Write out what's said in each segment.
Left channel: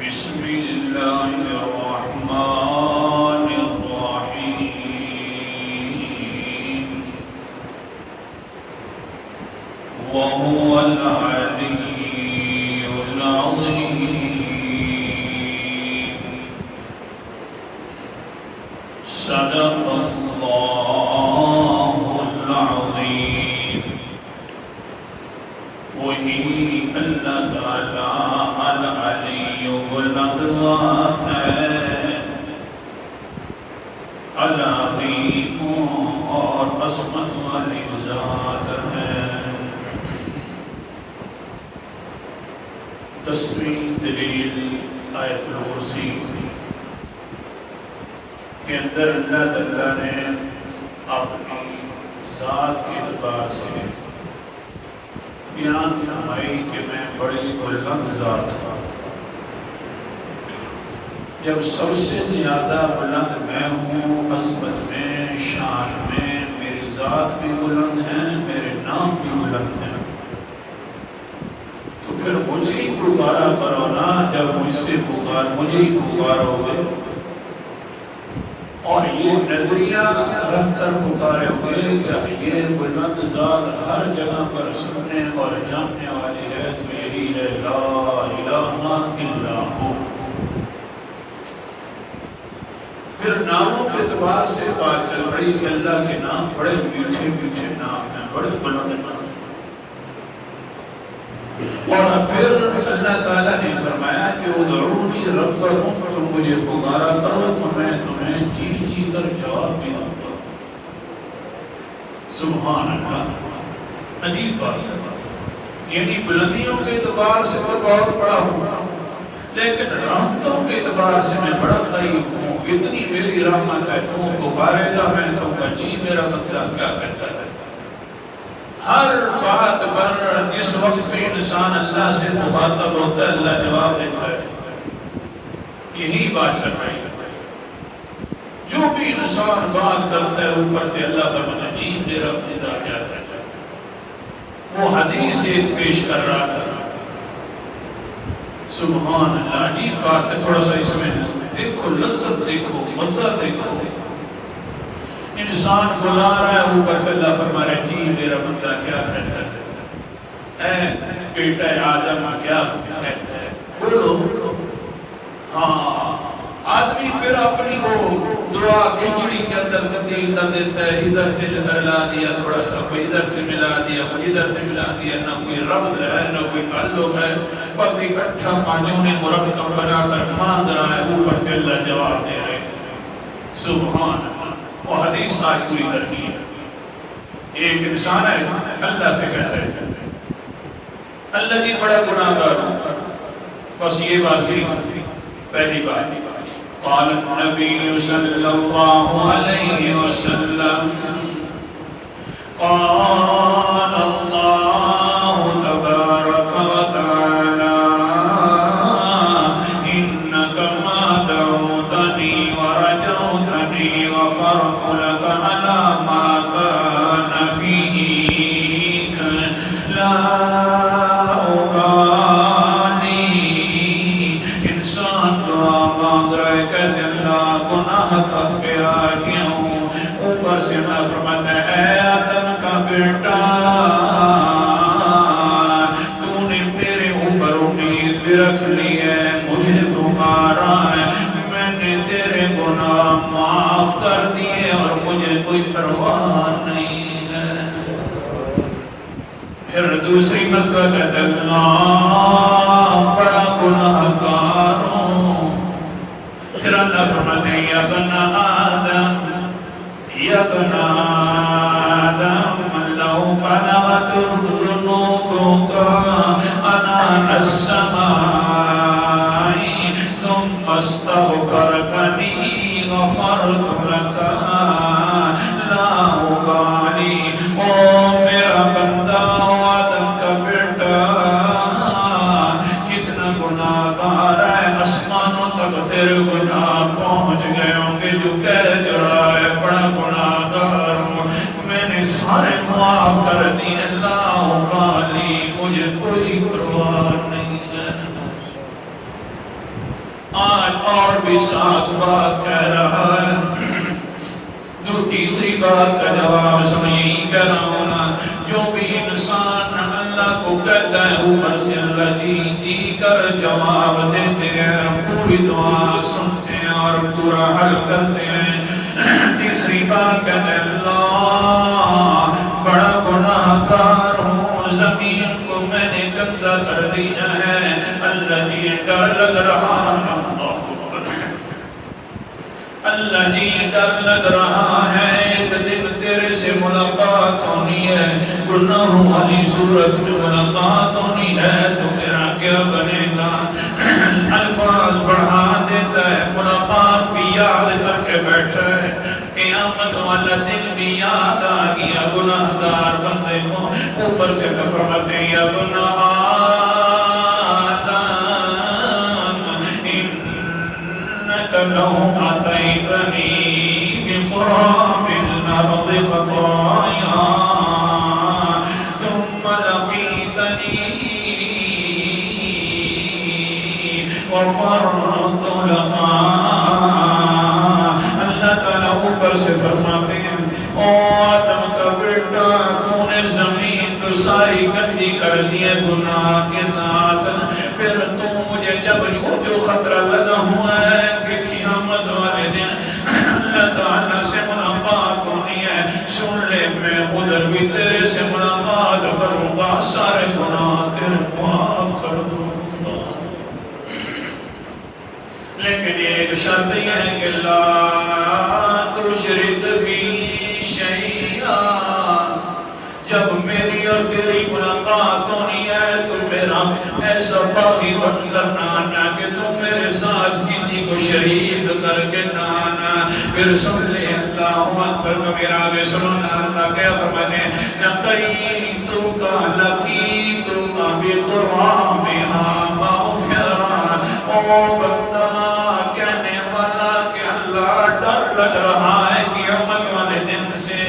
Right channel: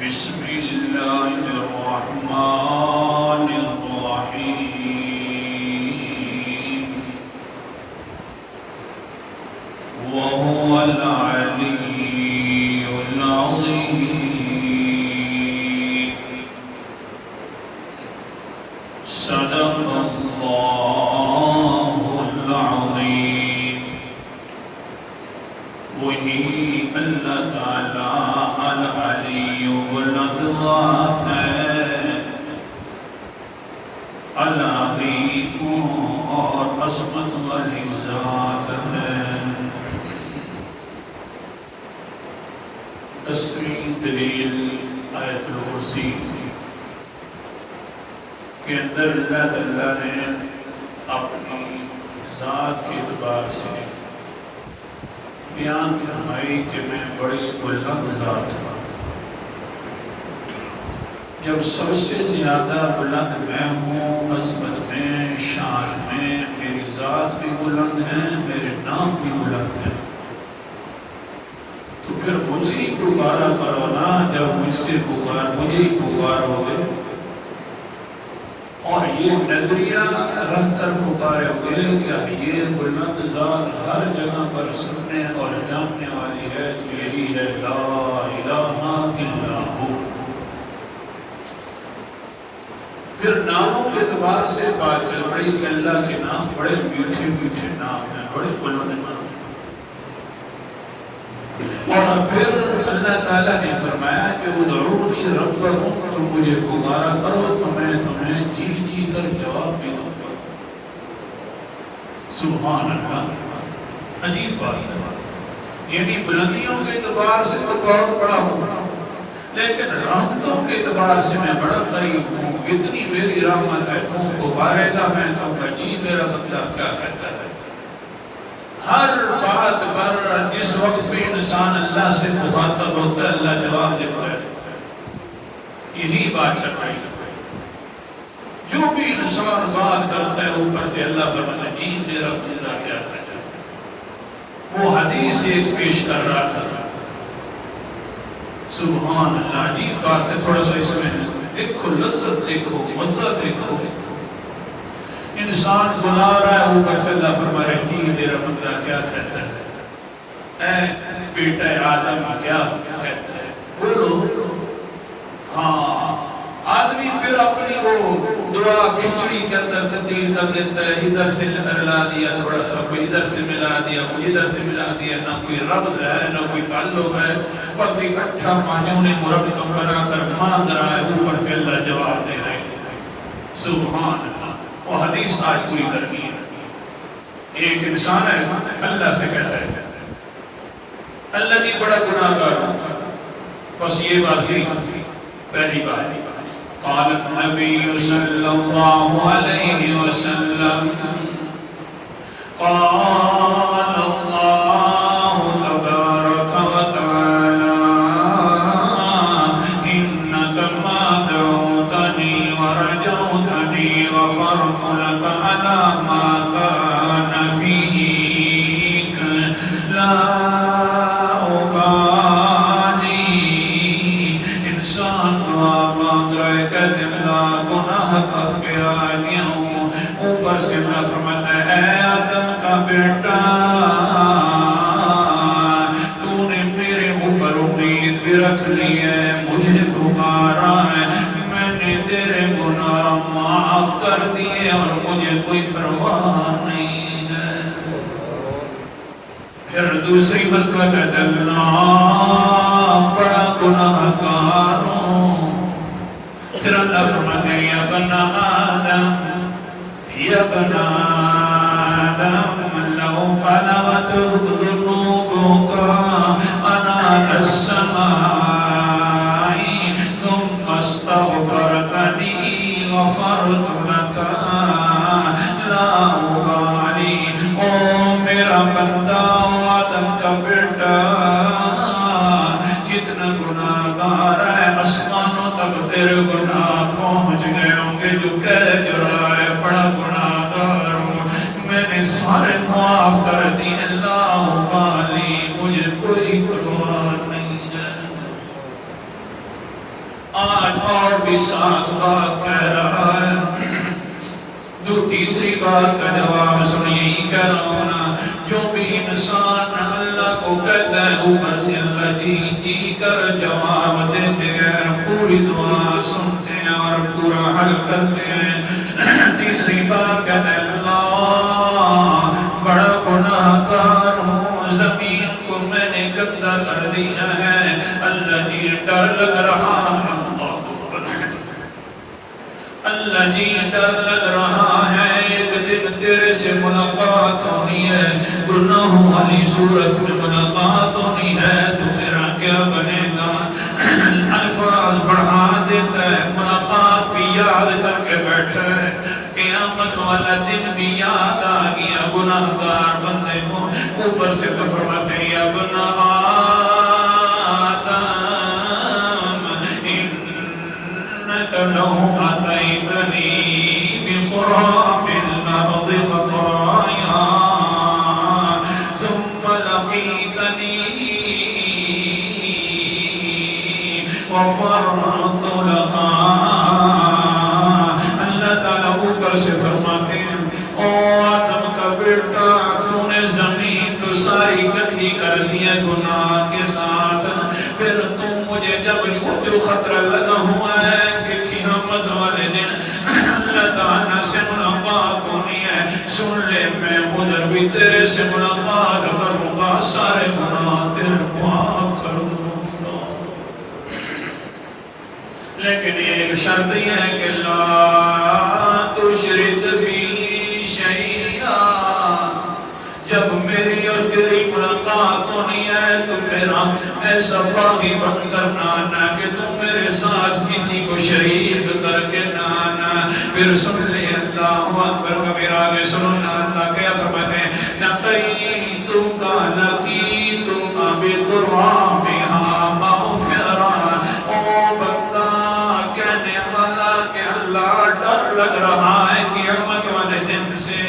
بسم الله الرحمن الرحيم وهو العلي العظيم صدق الله العظيم وہی اللہ تعالیٰ العلی والعظمت ہے، العظیم اور عظمت والی ذات ہے۔ 10ویں دلیل آیت الکرسی کے اندر اللہ تعالیٰ نے اپنی ذات کے اعتبار سے بیان فرمائی کہ میں بڑی بلند ذات ہوں۔ جب سب سے زیادہ بلند میں ہوں، عظمت میں، شان میں، میری ذات بھی بلند ہے، میرے نام بھی بلند ہے، تو پھر مجھے ہی پکارا کرو نا۔ جب مجھ سے مجھے ہی پکارو گے اور یہ نظریہ رکھ کر پکارے ہوئے کہ یہ بلند ذات ہر جگہ پر سننے اور جاننے والی ہے، تو یہی ہے لا الہ الا ہو۔ پھر ناموں کے اعتبار سے بات چل پڑی کہ اللہ کے نام بڑے میٹھے میٹھے نام ہیں، بڑے بلند نام ہیں۔ اور پھر اللہ تعالیٰ نے فرمایا کہ ادعونی ربکم، تم مجھے پکارا کرو تو میں تمہیں جی جی کر جواب بھی دوں گا۔ سبحان اللہ، عجیب بات ہے۔ یعنی بلندیوں کے اعتبار سے میں بہت بڑا ہوں، لیکن رحمتوں کے اعتبار سے میں بڑا قریب ہوں۔ اتنی میری رحمت ہے، تم پکارے گا میں کہوں گا جی میرا بندہ کیا کہتا ہے۔ ہر بات پر جس وقت بھی انسان اللہ سے مخاطب ہوتا ہے، اللہ جواب دیتا ہے۔ یہی بات چل رہی ہے، جو بھی انسان بات کرتا ہے اوپر سے اللہ فرماتا ہے جی میرا بندہ کیا کہتا ہے۔ وہ حدیث ایک پیش کر رہا تھا، سبحان اللہ، عجیب بات ہے۔ تھوڑا سا اس میں دیکھو، لذت دیکھو، مزہ دیکھو۔ انسان بلا رہا ہے، اوپر سے اللہ فرما رہا ہے جی میرا بندہ کیا کہتا ہے، اے بیٹا آدم کیا کہتا ہے، بولو۔ ہاں، آدمی پھر اپنی وہ دعا کھچڑی کے اندر تبدیل کر دیتا ہے، ادھر سے ملا دیا تھوڑا سا، کوئی ادھر سے ملا دیا، کوئی ادھر سے ملا دیا، نہ کوئی ربط ہے نہ کوئی تعلق ہے، بس اکٹھا معجون مرکب بنا کر مانگ رہا ہے، اوپر سے اللہ جواب دے رہے ہیں۔ سبحان اللہ، وہ حدیث آج پوری کرنی ہے۔ ایک انسان ہے، اللہ سے کہتا ہے اللہ جی بڑا گناہ گار ہوں، بس یہ بات نہیں۔ پہلی بات قال النبی صلی اللہ علیہ وسلم قال اللہ تبارک و تعالی انک ما دعوتنی ورجوتنی غفرت لک علی ما کان فیک لا ابالی۔ انسان دعا مانگ رہے کہ اللہ گناہ کر کے آئی ہوں، اوپر سے اللہ فرماتا ہے اے آدم کا بیٹا، تو نے میرے اوپر امید بھی رکھ لی ہے، مجھے پکارا ہے، میں نے تیرے گناہ معاف کر دیے اور مجھے کوئی پرواہ نہیں ہے۔ پھر دوسری مرتبہ کہتا ہے اللہ بڑا گناہ گار ہوں۔ پھر اللہ فرماتے ہیں یا بن آدم یا بن آدم لو بلغت ذنوبك عنان السماء ثم استغفرتنی غفرت لك لا ابالی۔ او میرا بندہ آدم کا بیٹا، کتنا گناہ گار ہے، آسمانوں تک تیرے گناہ پہنچ گئے ہوں گے، جو کہہ رہا ہے بڑا گناہ گار ہوں، میں نے سارے معاف کر دی، اللہ بالی، مجھے کوئی پرواہ نہیں ہے۔ بھی ساتھ بات کہہ رہا ہے، جو تیسری بات کا جواب سن یہی کہہ رہا ہوں نا، جو بھی انسان اللہ کو کہتا ہے اوپر سے اللہ جی جی کر جواب دیتے ہیں، پوری دعا سنتے ہیں اور پورا حل کرتے ہیں۔ تیسری بات کہتے ہیں اللہ بڑا گناہ گار ہوں، زمین کو میں نے گندا کر دیا ہے، اللہ جی ڈر لگ رہا ہے، اللہ جی ڈر لگ رہا ہے ایک دن تیرے سے ملاقات ہونی ہے، گناہوں والی صورت میں ملاقات ہونی ہے، تو میرا کیا بنے گا؟ الفاظ بڑھا دیتا ہے، ملاقات بھی یاد کر کے بیٹھا ہے، قیامت والا دن بھی یاد آ گیا گناہ گار بندے کو، اوپر سے فرماتے ہیں یا ابن لو أتيتني بقراب الأرض خطايا ثم لقيتني غفرت لك۔ اللہ تعالیٰ اوپر سے فرماتے ہیں او آدم کا بیٹا، تو نے زمین تو ساری گندی کر دی ہے گناہ کے ساتھ، پھر تو مجھے جب جو خطرہ لگا ہوا ہے کہ قیامت والے دن اللہ تعالیٰ سے ملاقات ہونی ہے، سن لے میں ادھر بھی تیرے سے ملاقات کروں گا، سارے گناہ تیرے معاف کر دوں گا، لیکن ایک شرط یہ ہے کہ لا تشرک بی شیئا، جب میری اور تیری ملاقات ہونی ہے تو میرا ایسا باقی بن کرنا آنا کہ تو میرے ساتھ کسی کو شریک کر کے نہ آنا۔ پھر سن لے اللہ اکبر کبیرہ، آگے سننا اللہ کیا فرماتے ہیں لَقَيْتُكَ لَقِيتُكَ بِقُرَّابِهَا مَغْفِرًا۔ او بندہ کہنے والا کہ اللہ ڈر لگ رہا ہے قیامت والے دن سے،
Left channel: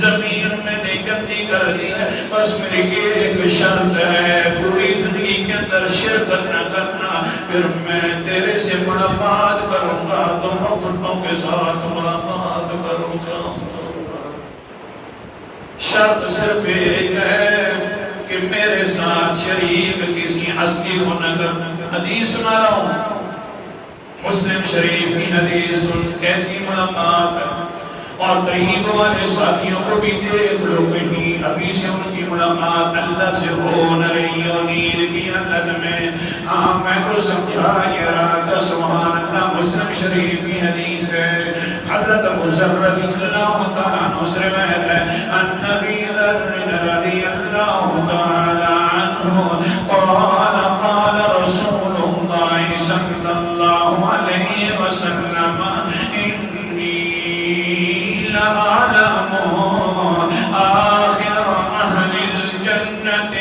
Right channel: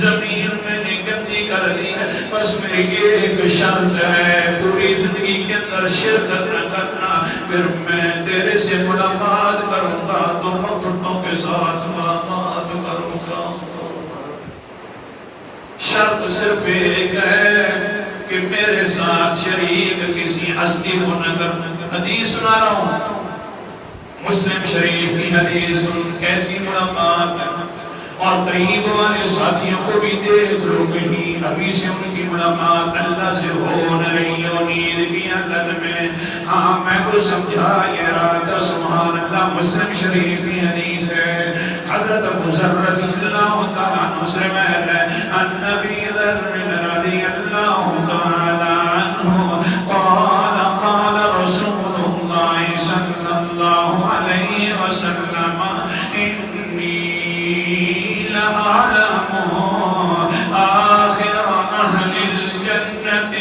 زمین میں نے گندی کر دی ہے، بس میری ایک شرط ہے، پوری زندگی کے اندر شرک نہ کرنا، پھر میں تیرے سے ملاقات کروں گا تو مغفرتوں کے ساتھ ملاقات کروں گا۔ شرط صرف ایک ہے کہ میرے ساتھ شریک کسی ہستی کو نہ کر۔ حدیث سنا رہا ہوں، مسلم شریف کی حدیث، کیسی ملاقات ہے، اور قریب والے ساتھیوں کو بھی دیکھ لو کہیں ابھی سے ان کی ملاقات اللہ سے ہو نہ رہی ہو، نیند کی حالت میں۔ ہاں میں کو سمجھا یہ رات سبحان اللہ، مسلم شریف کی حدیث ہے، حضرت ابو ذر رضی اللہ تعالیٰ عنہ سے روایت ہے، عن ابی ذر رضی اللہ تعالیٰ عنہ قال قال رسول اللہ صلی اللہ علیہ وسلم أعلم آخر أهل الجنة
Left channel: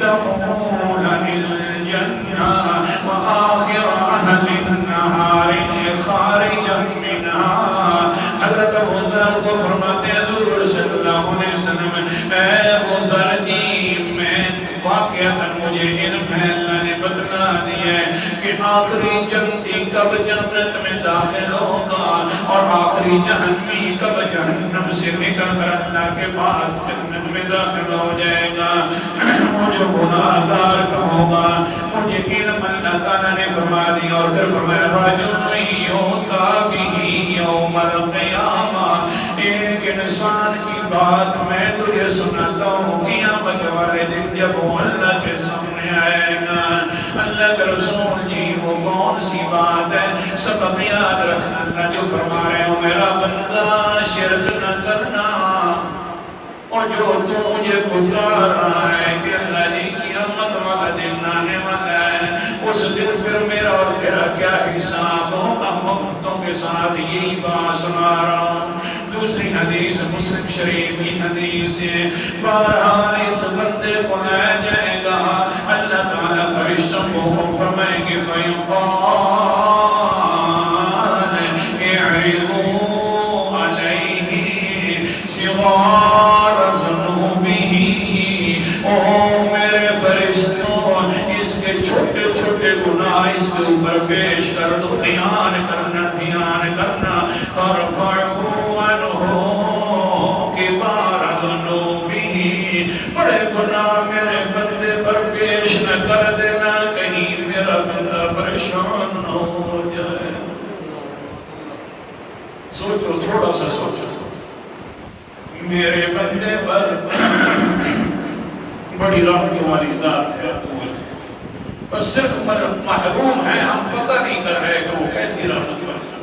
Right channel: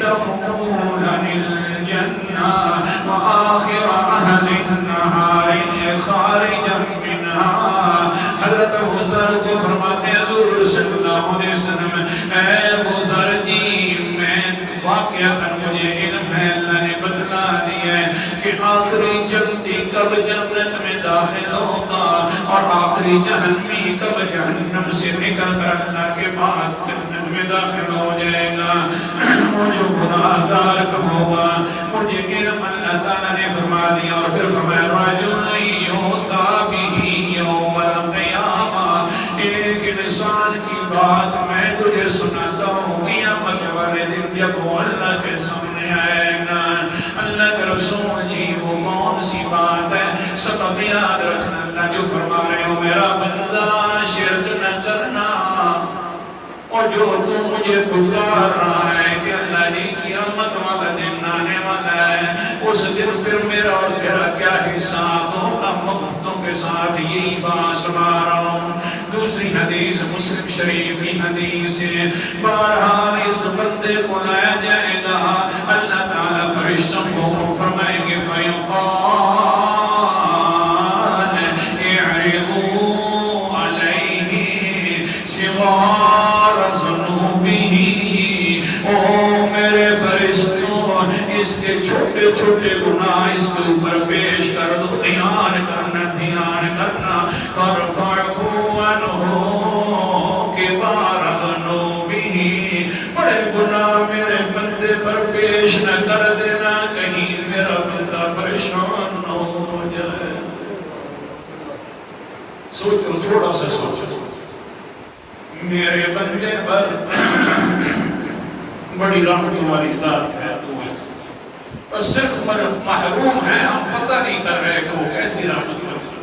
دخولا الجنة وآخر أهل النهار خارجا منها۔ حضرت ابو ذر کو فرماتے ہیں حضور صلی اللہ علیہ وسلم، اے ابو ذر جی میں واقعتاً مجھے علم ہے، اللہ نے بتلا دیا ہے کہ آخری جنتی کب جنت میں داخل ہوگا اور آخری جہنمی کب جہنم سے نکل کر اللہ کے پاس جنت میں داخل ہو جائے گا۔ مجھے گناہ گار ہوگا، مجھے علم اللہ تعالیٰ نے فرما دیا، اور پھر فرمایا رجل یؤتی بہ یوم القیامہ، ایک انسان کی بات میں تجھے سناتا ہوں، قیامت والے دن جب وہ اللہ کے سامنے آئے گا، اللہ کے رسول جی وہ کون سی بات ہے؟ سبق یاد رکھنا، اللہ جو فرما رہے ہو میرا بندہ شرک نہ کرنا، اور جو تو مجھے پکار رہا ہے کہ اللہ نے قیامت والا دن آنے والا ہے، اس دن پھر میرا اور تیرا کیا حساب ہوگا، مغفرتوں کے ساتھ یہی بات سنا رہا ہوں۔ دوسری حدیث مسلم شریف کی حدیث ہے، بہرحال اس بندے کو لایا جائے گا، اللہ تعالیٰ فرشتوں کو فرمائیں گے فَيُقَالَ اعرضوا علیہ صغار ذنوبہ، او میرے فرشتوں اس کے چھوٹے چھوٹے گناہ اس کے اوپر پیش کر دو. دھیان کرنا فرفعه عنه كبار ذنوبه. بڑے گناہ میرے بندے پر پیش نہ کر دینا کہیں میرا بندہ پریشان نہ ہو جائے. سوچو تھوڑا سا سوچو میرے بندے پر بڑی رحمت والی ذات ہے بس صرف محروم ہے ہم پتہ نہیں کر رہے کہ وہ کیسی رحمت والی ذات.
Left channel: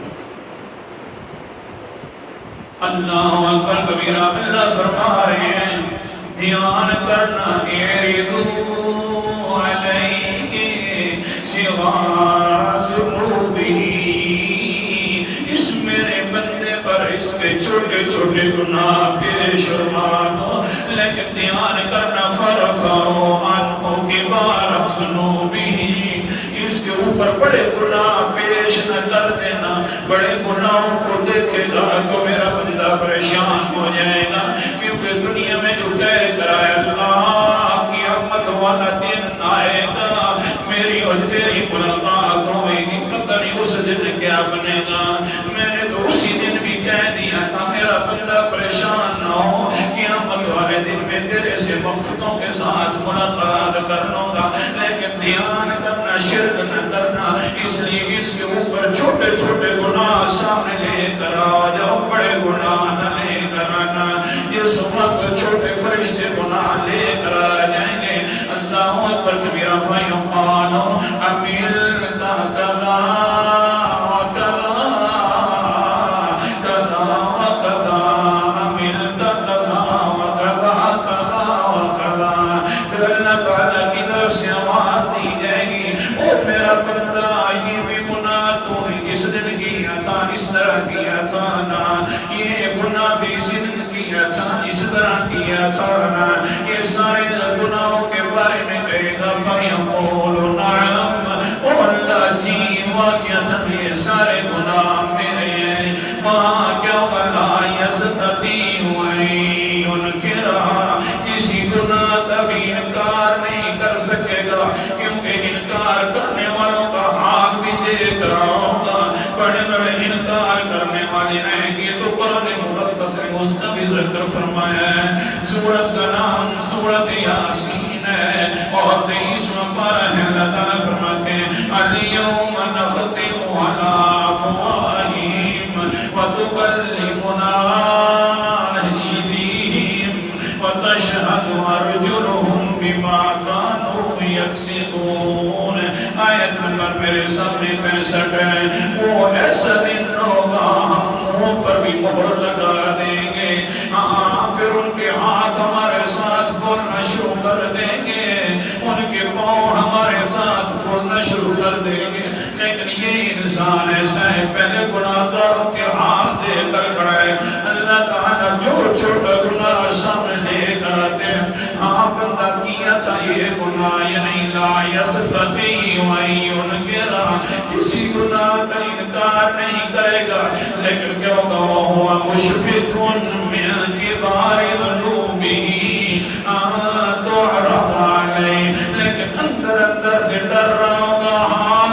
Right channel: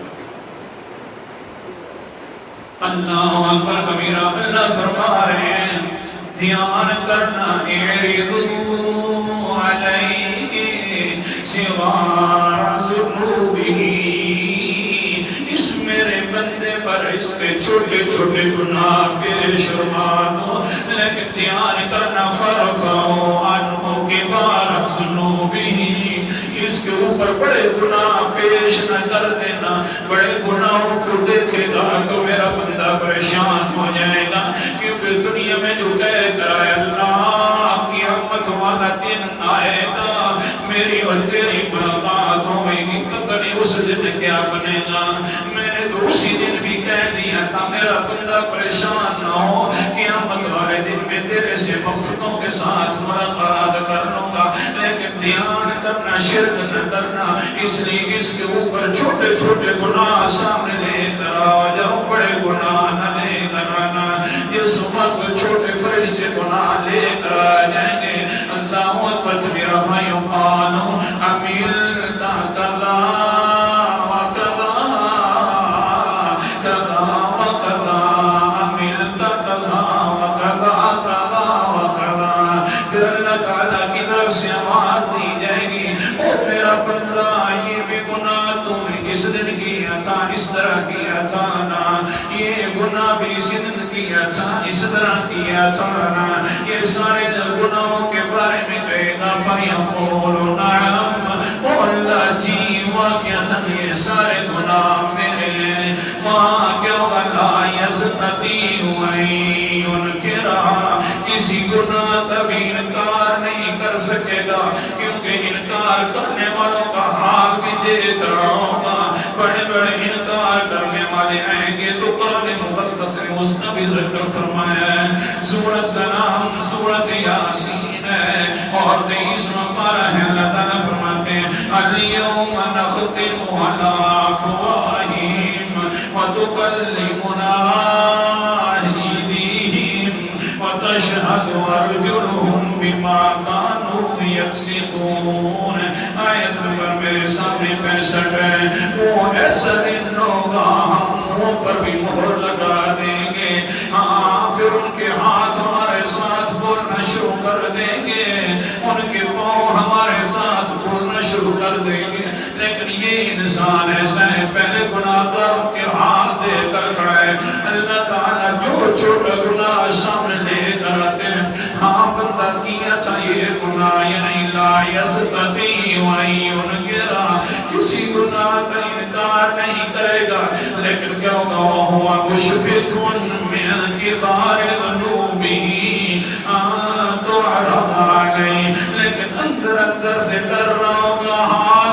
اللہ اکبر کبیرہ. اللہ فرما رہے ہیں دھیان کرنا اعرضوا علیہ صغار ذنوبہ. اس میرے بندے پر اس کے چھوٹے چھوٹے گناہ پیش فرما دو لیکن دھیان کرنا فرفعوا عنہ کبار ذنوبہ. اس کے اوپر بڑے گناہ پیش نہ کر دینا. بڑے گناہوں کو دیکھے گا تو میرا بندہ پریشان ہو جائے گا کیونکہ دنیا میں جو کہہ کر آئے اللہ قیامت والا دن آئے گا میری اور تیری ملاقات ہوئے گی. پتہ نہیں اس دن کیا بنے گا. میں نے تو اسی دن بھی کہہ دیا تھا میرا بندہ پریشان نہ ہو قیامت والے دن میں تیرے سے مخلوقوں کے ساتھ ملاقات کر لوں گا. لیکن دھیان کرنا شرک نہ کرنا. اس لیے اس کے اوپر چھوٹے چھوٹے گناہ سامنے لے کر آ جاؤ. بڑے گناہ نہ لے کر آنا. جس وقت چھوٹے فرشتے گناہ لے کر آ جائیں گے اللہ اکبر کبیرہ فیقال عملت کذا وکذا کذا وکذا عملت کذا وکذا کذا وکذا. پھر اللہ تعالیٰ کی طرف سے آواز دی جائے گی او میرا بندہ یہ بھی گناہ تو اس دن کیا تھا اس طرح کیا تھا نا. یہ گناہ بھی اس دن کیا تھا اس طرح کیا تھا نا. یہ سارے گناہوں کے بارے میں کہے گا فَيَقُولُ نَعَمْ. او اللہ جی واقعتاً یہ سارے گناہ میرے ہیں. وہاں کیا لا يَسْتَطِيعُ أَن يُنْكِرَ. کسی گناہ کا بھی انکار نہیں کر سکے گا کیونکہ انکار کرنے والوں کا حال بھی دیکھ رہا ہوگا. بڑے بڑے انکار کرنے والے آئیں گے تو قرآن مقدس نے اس کا بھی ذکر فرمایا ہے. سورت کا نام سورت یاسین ہے اور 23واں پارہ ہے. اللہ تعالیٰ فرماتے ہیں اليوم نختم على افواہہم وتکلمنا ایدیہم وتشہد ارجلہم بما كانوا یکسبون. آیت نمبر میرے سامنے 65 ہے. وہ ایسا دن ہوگا ہم منہ پر بھی مہر لگا دیں گے. پھر ان کے ہاتھ ہمارے ساتھ بولنا شروع کر دیں گے ان کے پاؤں ہمارے ساتھ بولنا شروع کر دیں گے. لیکن یہ انسان ایسا ہے پہلے گناہگاروں کے حال دے کر کھڑا ہے. اللہ تعالیٰ جو چھوٹا گناہ سامنے لے کر آتے ہیں ہاں بندہ کیا تھا یہ گناہ یہ نہیں لا يستطيع أن ينكر. کسی گناہ کا انکار نہیں کرے گا لیکن کیا ہوگا وَهُوَ مُشْفِقٌ مِّن كِبَارِ ذُنُوبِهِ تُعْرَضُ عَلَيْهِ. لیکن اندر اندر سے ڈر رہا ہوگا ہاں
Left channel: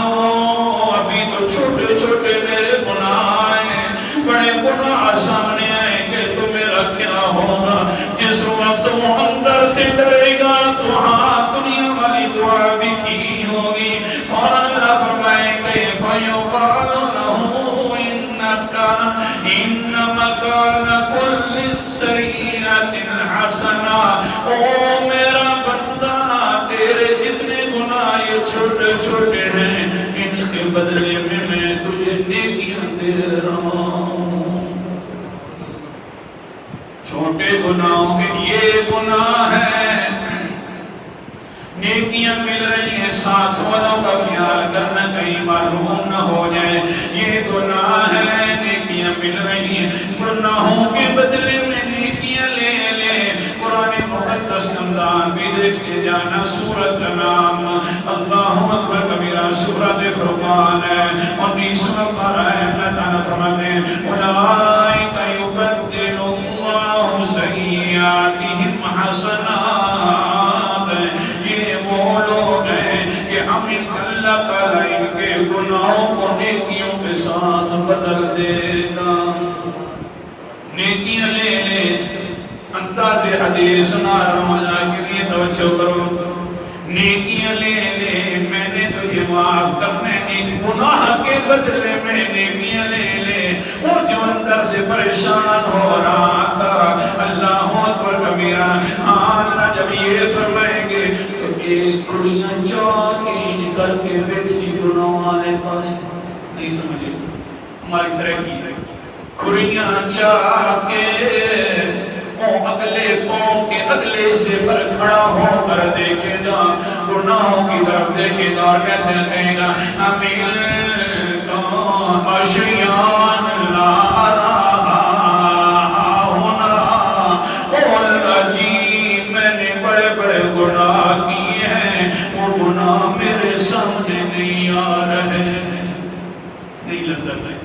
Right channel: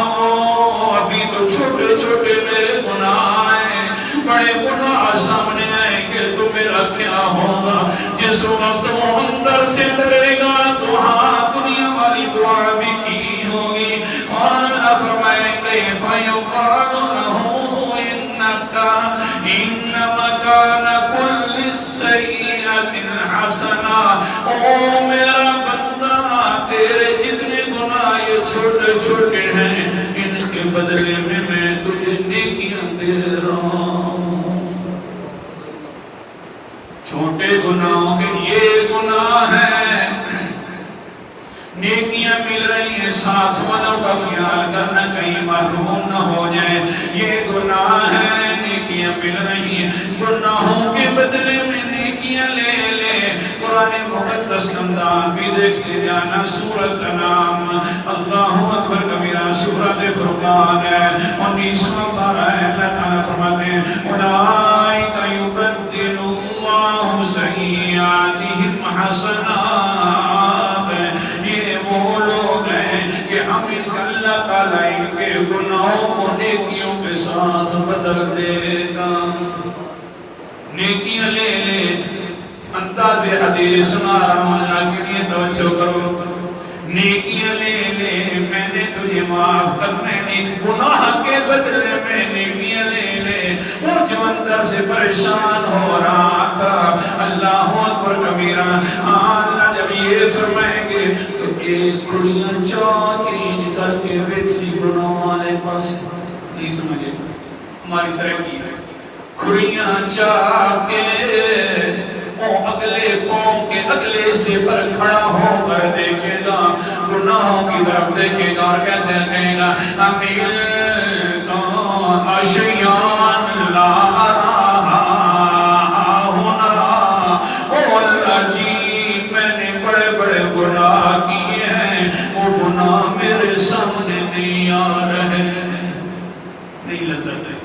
ابھی تو چھوٹے چھوٹے میرے گناہ ہیں بڑے گناہ سامنے آئیں گے تو میرا کیا ہوگا. جس وقت وہ اندر سے ڈرے گا تو ہاں دنیا والی دعا بھی کی ہوگی. اور اللہ فرمائے گا فَيُقَالُ لَهُ إِنَّ مَكَانَ كُلِّ سَيِّئَةٍ حَسَنَةٍ. او میرا بندہ تیرے جتنے گناہ یہ چھوٹے چھوٹے ہیں ان کے بدلے میں تجھے نیکیاں دے رہا ہوں. چھوٹے گناہوں کے یہ گناہ ہے نیکیاں مل رہی ہیں ساتھ والوں کا خیال کرنا کہیں محروم نہ ہو جائے. یہ گناہ ہے نیکیاں مل رہی ہیں گناہوں کے بدلے میں نیکیاں لے لے. قرآن مقدس انداز بھی دیکھتے جانا. سورت کا نام اللہ اکبر کبیرہ سورت فرقان ہے 19واں پارہ ہے. اللہ تعالیٰ فرماتے ہیں اولئک یبدل اللہ سیئاتہم حسنات. یہ وہ لوگ ہیں کہ کے گناہوں کو نیکیوں کے ساتھ بدل دے گا. نیکیاں لے لے. انداز حدیث سنا رہا ہوں, اللہ کے لیے توجہ کرو. نیکیاں لے لے, میں نے تجھے معاف کرنے, گناہ کے بدلے میں نیکیاں لے لے. وہ جو اندر سے پریشان ہو رہا تھا, اللہ اکبر کبیرہ, اللہ جب یہ فرمائیں گے تو ایک کھلیاں چاکی کر کے ویکسی گناہ والے پاس نہیں سمجھے. ہماری سرکی کھلیاں چاکے وہ اگلے قوم کے اگلے سے پر کھڑا ہو کر دیکھے گا, گناہوں کی طرف دیکھے گا, کہتے ہیں گا امیر تو اشیان لا رہا ہونا. او اللہ جی, میں نے بڑے بڑے گناہ کیے ہیں, وہ گناہ میرے سامنے نہیں آ رہے. نہیں لذت ہے.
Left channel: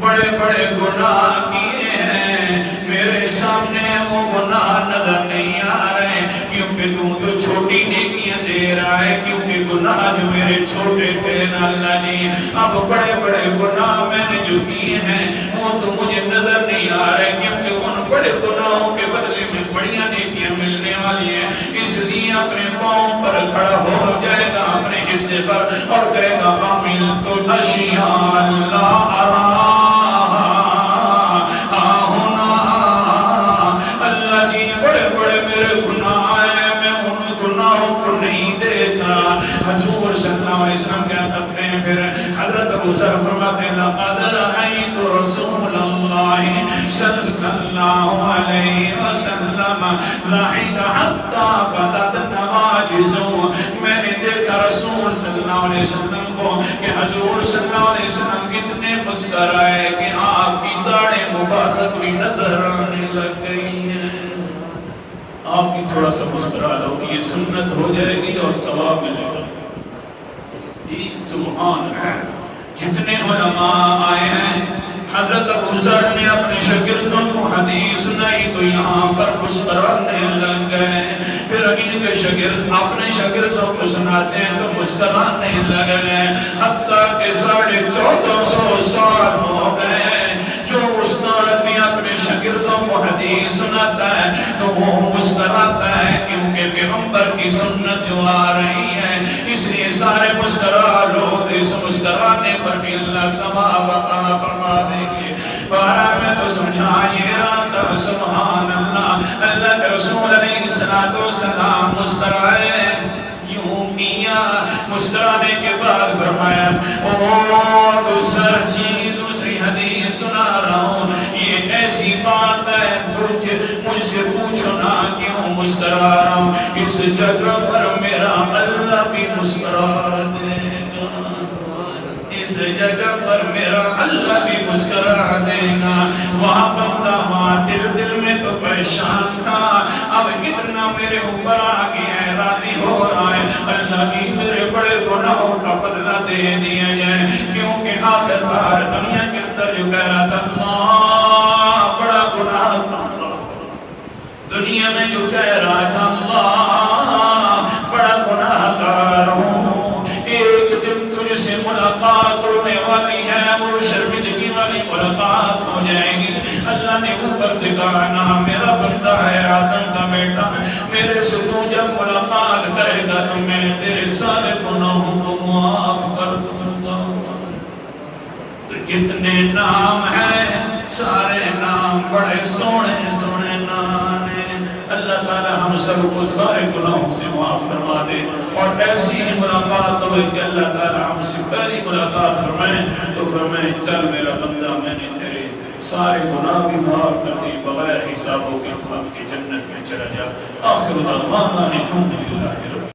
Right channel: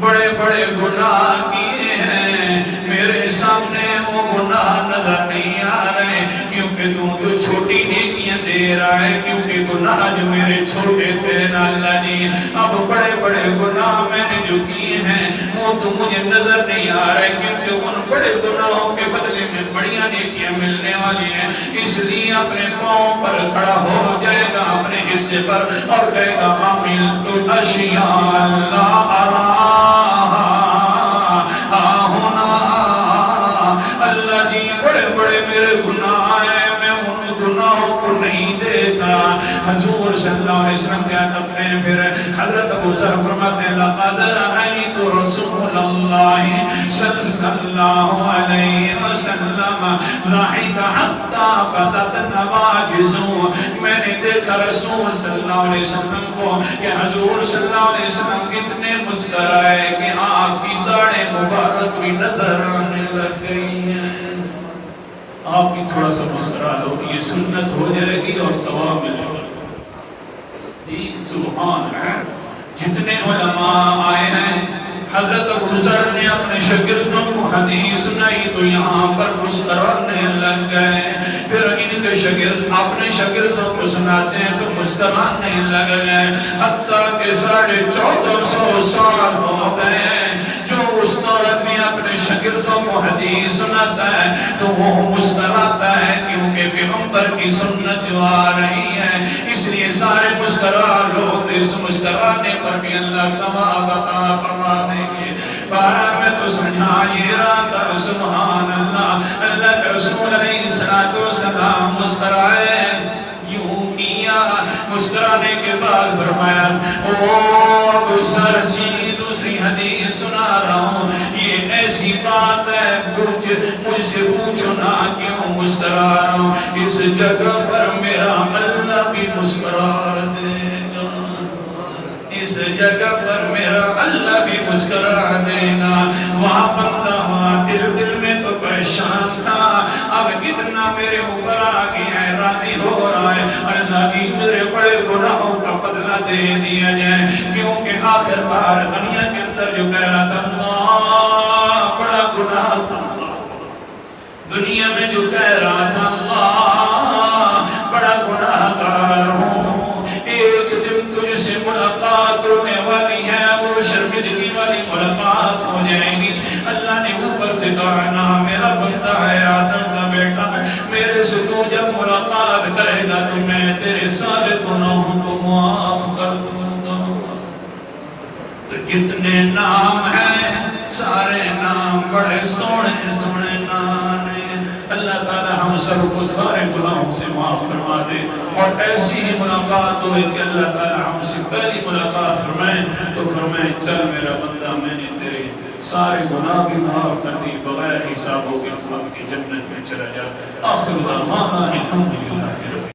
بڑے بڑے گناہ کیے ہیں, میرے سامنے وہ گناہ نظر نہیں آ رہے, کیونکہ تو جو چھوٹی نیکیاں دے رہا ہے, کیونکہ گناہ جو میرے چھوٹے تھے نا اللہ جی, اب بڑے بڑے گناہ میں نے جو کیے ہیں وہ تو مجھے نظر نہیں آ رہے, کیونکہ ان بڑے گناہوں کے بدلے میں بڑیاں نیکیاں ملنے والی ہیں. اس لیے اپنے پاؤں پر کھڑا ہو جائے گا, اپنے حصے پر, اور کہے گا عامل تو اشیاء اللہ ارا حضور صلی اللہ علیہ وسلم کیا کرتے ہیں. پھر حضرت ابو ذر فرماتے ہیں لقد رأيت رسول اللہ صلی اللہ علیہ وسلم ضحك حتى بدت نواجزه. میں نے دیکھا رسول صلی اللہ علیہ وسلم کو کہ حضور صلی اللہ علیہ وسلم کتنے مسکرائے کہ آپ کی داڑھیں مبارک بھی نظر آنے لگ گئی ہیں. آپ کی تھوڑا سا مسکرا دو, یہ سنت ہو جائے گی اور ثواب ملے گا. سبحان ہے. جتنے علماء آئے ہیں, حضرت ابو ذر نے اپنے شاگردوں کو حدیث سنائی تو یہاں پر مسکرانے لگ گئے. پھر ان کے شاگرد اپنے شاگردوں کو سناتے ہیں تو مسکرانے لگ گئے, حتیٰ کہ 1450 سال ہو گئے. جو استاد بھی اپنے شاگردوں کو حدیث سناتا ہے تو وہ مسکراتا ہے, کیونکہ پیغمبر کی سنت جو آ رہی ہے, اس لیے سارے مسکرا لوگ. اس مسکرانے پر بھی اللہ ثواب عطا فرما دیں گے. بارہ میں تو سمجھا یہ رہا تھا. سبحان اللہ. اللہ کے رسول علیہ السلام مسکرائے, یوں کیا, مسکرانے کے بعد فرمایا او دوسر چیز دوسری حدیث سنا رہا ہوں, یہ ایسی بات ہے مجھ سے پوچھو نا کیوں مسکرا رہا ہوں. اس جگہ پر میرا اللہ بھی مسکرا دے گا, اس جگہ پر میرا اللہ بھی مسکرا دے گا. وہاں بندہ وہاں دل میں تو پریشان تھا, اب کتنا میرے اوپر آ گیا ہے, راضی ہو رہا ہے, اللہ کی میرے بڑے گناہوں کا بدلہ دے دیا جائے. کیونکہ آخر کار دنیا کے اندر جو کہہ رہا تھا اللہ بڑا گناہ کرتا, دنیا میں جو کہہ رہا تھا اللہ بڑا گناہ کار ہوں, ایک دن تجھ سے ملاقات ہونے والی ہے, وہ شرمندگی والی ملاقات ہو جائے گی. اللہ نے اوپر سے کہا نا میرا بندہ ہے, آدم کا بیٹا, میرے سے تو جب ملاقات کرے گا تو میں تیرے سارے گناہوں کو معاف کر دوں گا. تو کتنے نام ہیں, سارے نام بڑے سونے سونے نام ہیں. اللہ تعالی ہم سب کو سارے گناہوں سے معاف فرما دے, اور ایسی ملاقات ہوئے کہ اللہ تعالی ہم سے پہلی ملاقات فرمائے تو فرمائے چل میرا بندہ, میں نے تیرے سارے گناہ بھی معاف کر دی, بغیر حساب و کتاب کی جنت میں چلا جا. آخر دعوانا الحمدللہ.